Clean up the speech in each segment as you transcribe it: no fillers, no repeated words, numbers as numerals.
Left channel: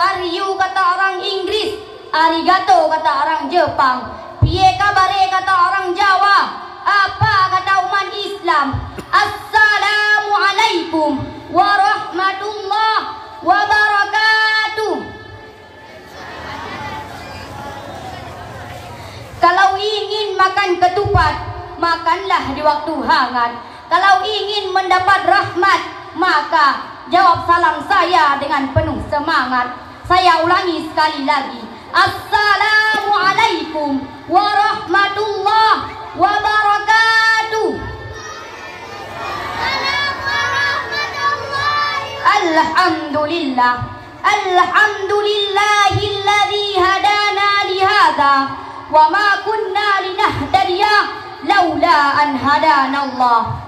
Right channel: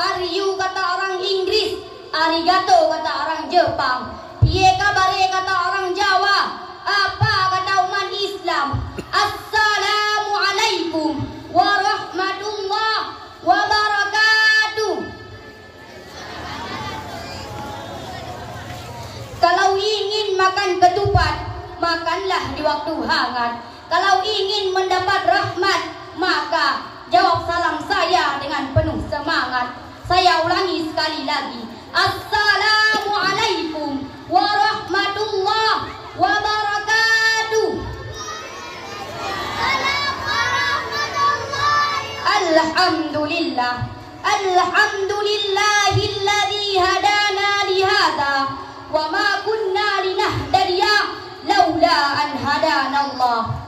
are you kata orang Inggris, arigato kata orang Jepang, piye kabare kata orang Jawa, apa kata umat Islam? Assalamualaikum warahmatullahi wabarakatuh. Kalau ingin makan ketupat, makanlah di waktu hangat. Kalau ingin mendapat rahmat, maka jawab salam saya dengan penuh semangat. Saya ulangi sekali lagi. Assalamualaikum warahmatullahi wabarakatuh. Alhamdulillah. Alhamdulillahilladzi hadana lihada wa ma kunna linahtadiya laula an hadanallah.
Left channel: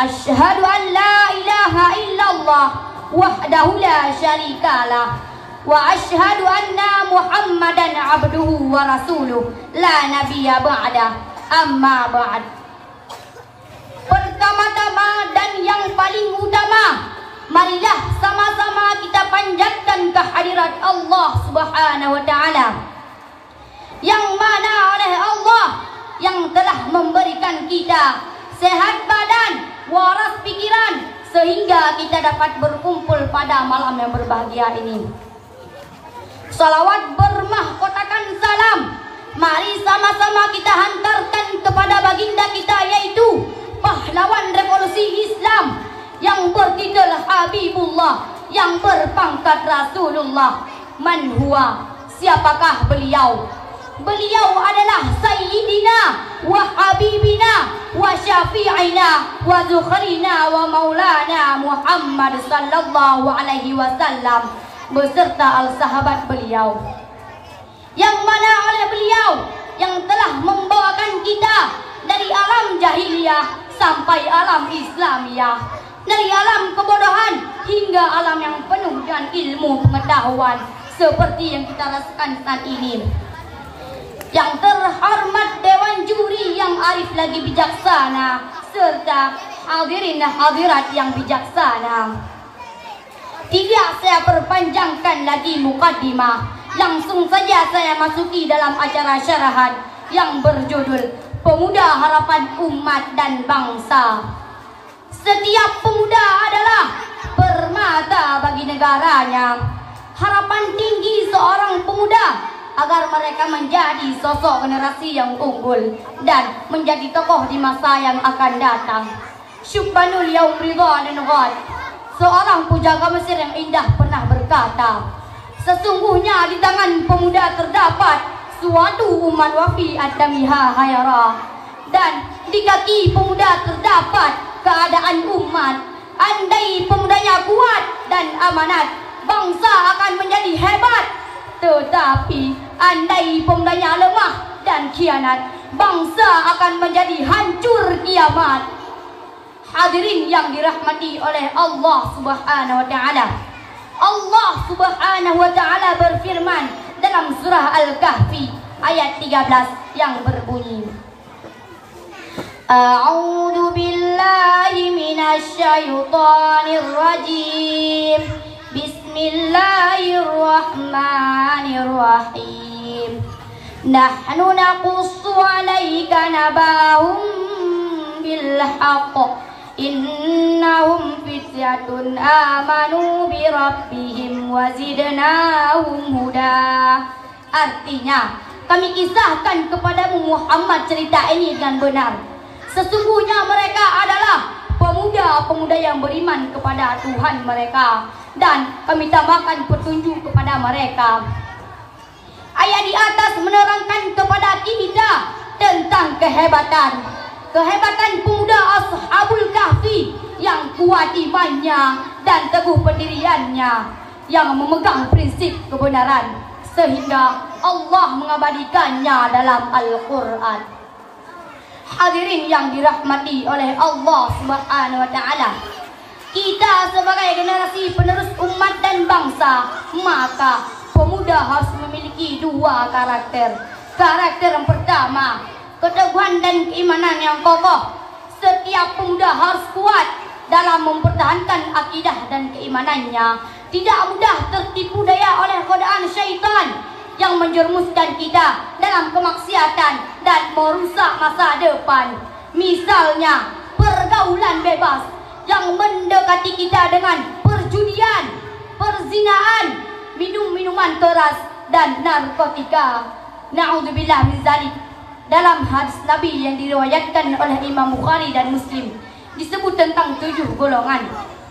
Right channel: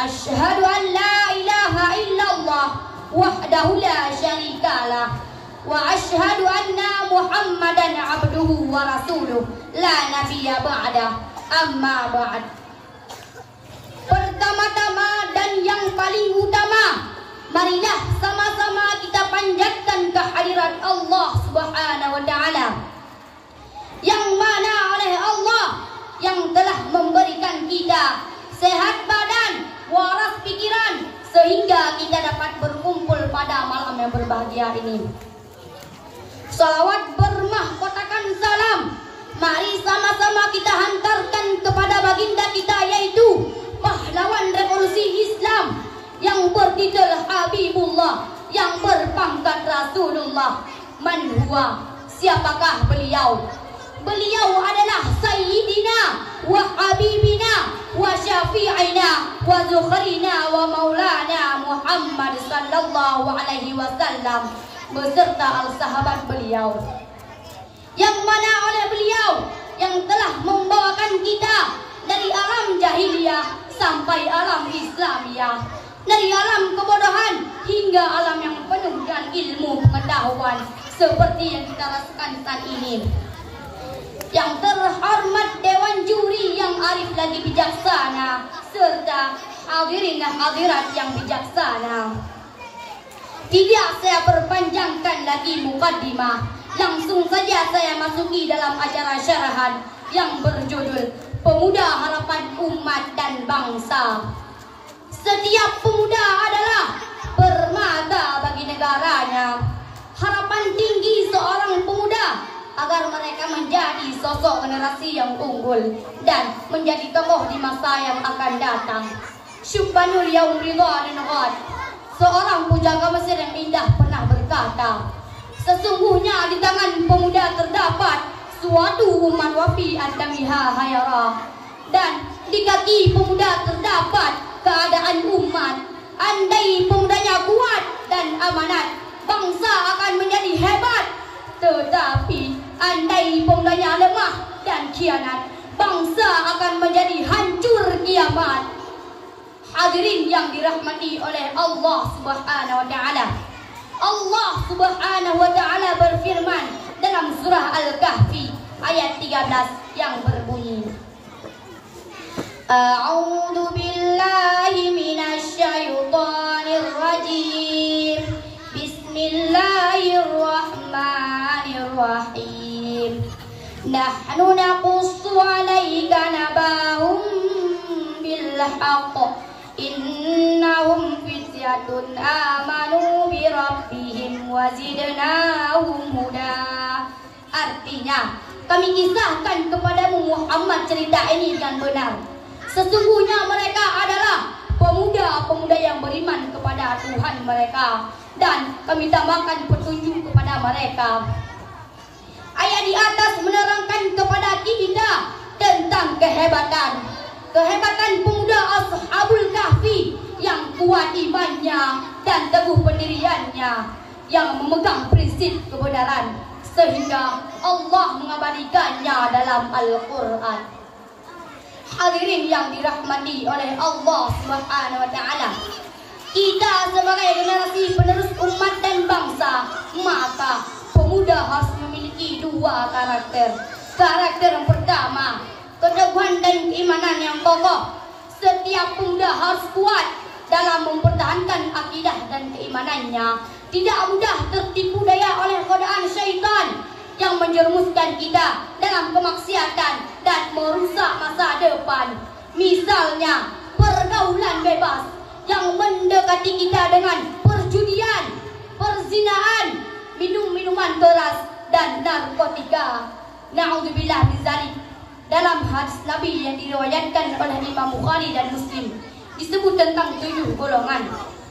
Asyhadu an la ilaha illallah wahdahu la syarikalah wa asyhadu anna Muhammadan abduhu wa rasuluh la nabiyya ba'dah. Amma ba'd. Pertama-tama dan yang paling utama, marilah sama-sama kita panjatkan kehadirat Allah Subhanahu wa taala, yang mana oleh Allah yang telah memberikan kita sehat badan, waras pikiran, sehingga kita dapat berkumpul pada malam yang berbahagia ini. Salawat bermahkotakan salam, mari sama-sama kita hantarkan kepada baginda kita, yaitu pahlawan revolusi Islam yang bertitel Habibullah, yang berpangkat Rasulullah. Man huwa, siapakah beliau? Beliau adalah Sayyidina wa Habibina wa Syafi'ina wa Zukhrina wa Maulana Muhammad sallallahu alaihi wasallam beserta al-sahabat beliau, yang mana oleh beliau yang telah membawakan kita dari alam jahiliyah sampai alam Islamiyah, dari alam kebodohan hingga alam yang penuh dengan ilmu pengetahuan seperti yang kita rasakan saat ini. Yang terhormat Dewan Juri yang arif lagi bijaksana, serta hadirin hadirat yang bijaksana, tidak saya perpanjangkan lagi mukaddimah, langsung saja saya masuki dalam acara syarahan yang berjudul Pemuda Harapan Umat dan Bangsa. Setiap pemuda adalah permata bagi negaranya. Harapan tinggi seorang pemuda agar mereka menjadi sosok generasi yang unggul dan menjadi tokoh di masa yang akan datang. Syubhanul yaum ridha din ghad. Seorang pujangga Mesir yang indah pernah berkata, sesungguhnya di tangan pemuda terdapat suatu umat wafi ad-damiha hayara, dan di kaki pemuda terdapat keadaan umat. Andai pemudanya kuat dan amanat, bangsa akan menjadi hebat. Tetapi andai pemudanya lemah dan khianat, bangsa akan menjadi hancur kiamat. Hadirin yang dirahmati oleh Allah Subhanahu wa taala. Allah Subhanahu wa taala berfirman dalam surah Al-Kahfi ayat 13 yang berbunyi, A'udzu billahi minasy syaithanir rajim. Bismillahirrahmanirrahim. Nahnu naqussu 'alaika nabahum bil haqq. Innahum fityatun amanu bi rabbihim wa zidnahum huda. Artinya, kami kisahkan kepadamu Muhammad cerita ini dengan benar. Sesungguhnya mereka adalah pemuda-pemuda yang beriman kepada Tuhan mereka, dan kami tambahkan petunjuk kepada mereka. Ayat di atas menerangkan kepada kita tentang kehebatan pemuda Ashabul Kahfi yang kuat imannya dan teguh pendiriannya, yang memegang prinsip kebenaran, sehingga Allah mengabadikannya dalam Al-Quran. Hadirin yang dirahmati oleh Allah Subhanahu wa taala, kita sebagai generasi penerus umat dan bangsa, maka pemuda harus memiliki dua karakter. Karakter yang pertama, keteguhan dan keimanan yang kokoh. Setiap pemuda harus kuat dalam mempertahankan akidah dan keimanannya, tidak mudah tertipu daya oleh masa depan. Misalnya pergaulan bebas yang mendekati kita dengan perjudian, perzinaan, minum-minuman keras dan narkotika. Na'udzubillah min dzalik. Dalam hadis Nabi yang diriwayatkan oleh Imam Bukhari dan Muslim disebut tentang 7 golongan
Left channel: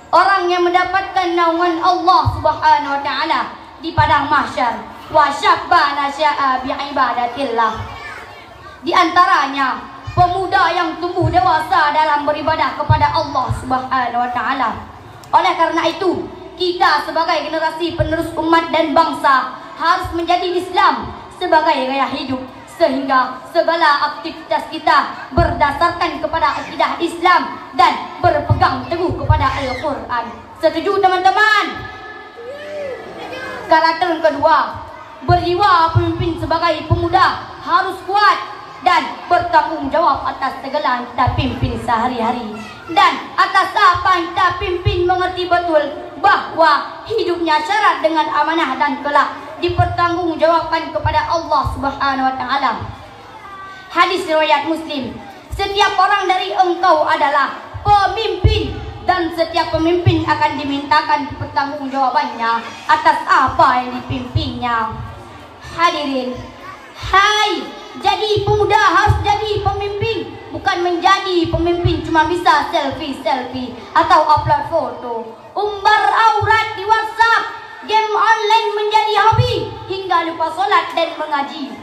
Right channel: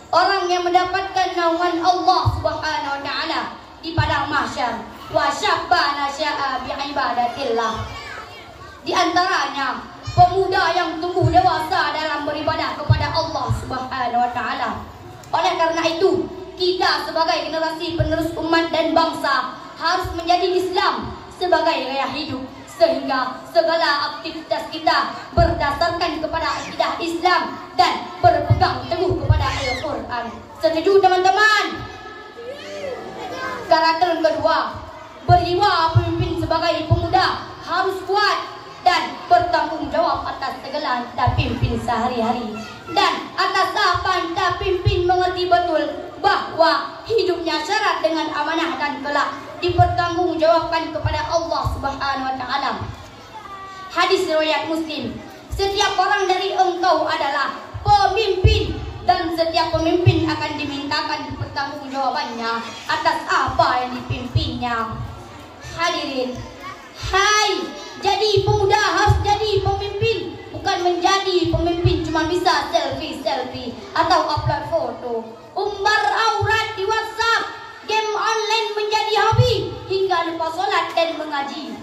orang yang mendapatkan naungan Allah Subhanahu wa taala di padang mahsyar. Wa syabba nasya'a bi ibadatillah. Di antaranya pemuda yang tumbuh dewasa dalam beribadah kepada Allah Subhanahu wa taala. Oleh karena itu, kita sebagai generasi penerus umat dan bangsa harus menjadi Islam sebagai gaya hidup, sehingga segala aktivitas kita berdasarkan kepada akidah Islam dan berpegang teguh kepada Al-Quran. Setuju teman-teman? Karakter kedua, berjiwa pemimpin sebagai pemuda harus kuat dan bertanggung jawab atas segala anda pimpin sehari-hari. Dan atas apa anda pimpin mengerti betul bahwa hidupnya syarat dengan amanah dan kelak dipertanggungjawabkan kepada Allah Subhanahu wa taala. Hadis riwayat Muslim, setiap orang dari engkau adalah pemimpin dan setiap pemimpin akan dimintakan pertanggungjawabannya atas apa yang dipimpinnya. Hadirin, hai, jadi pemuda harus jadi pemimpin, bukan menjadi pemimpin cuma bisa selfie atau upload foto, umbar aurat di WhatsApp, game online menjadi hobi hingga lupa sholat dan mengaji.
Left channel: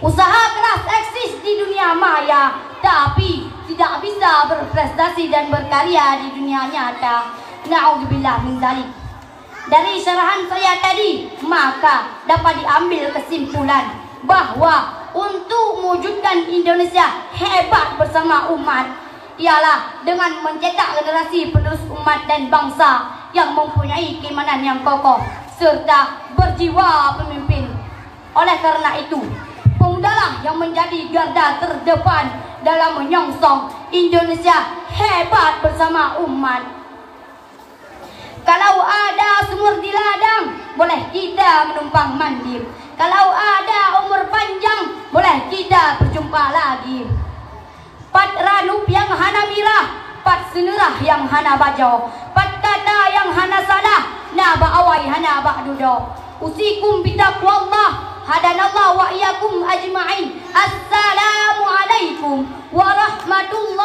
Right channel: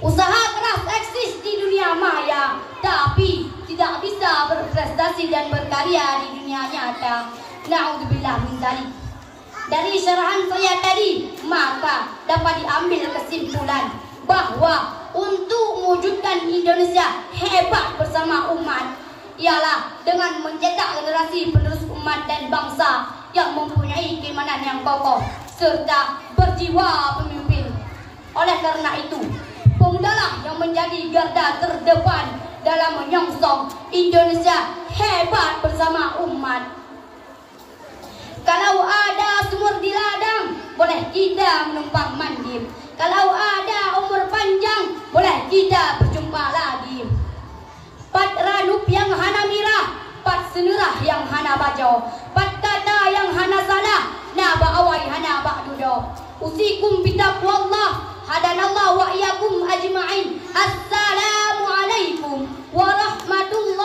Usaha keras eksis di dunia maya, tapi tidak bisa berprestasi dan berkarya di dunia nyata. Na'udzubillah min dzalik. Dari syarahan saya tadi, maka dapat diambil kesimpulan bahwa untuk mewujudkan Indonesia hebat bersama umat ialah dengan mencetak generasi penerus umat dan bangsa yang mempunyai keimanan yang kokoh serta berjiwa pemimpin. Oleh karena itu, pemudalah yang menjadi garda terdepan dalam menyongsong Indonesia hebat bersama umat. Kalau ada sumur di ladang, boleh kita menumpang mandi. Kalau ada umur panjang, boleh kita berjumpa lagi. Pat ranup yang hana mirah, pat senerah yang hana bajau, pat kata yang hana salah, na ba'awai hana ba'dudo. Usikum bitaqwallah, hadanallah wa iyyakum ajma'in. Assalamualaikum warahmatullahi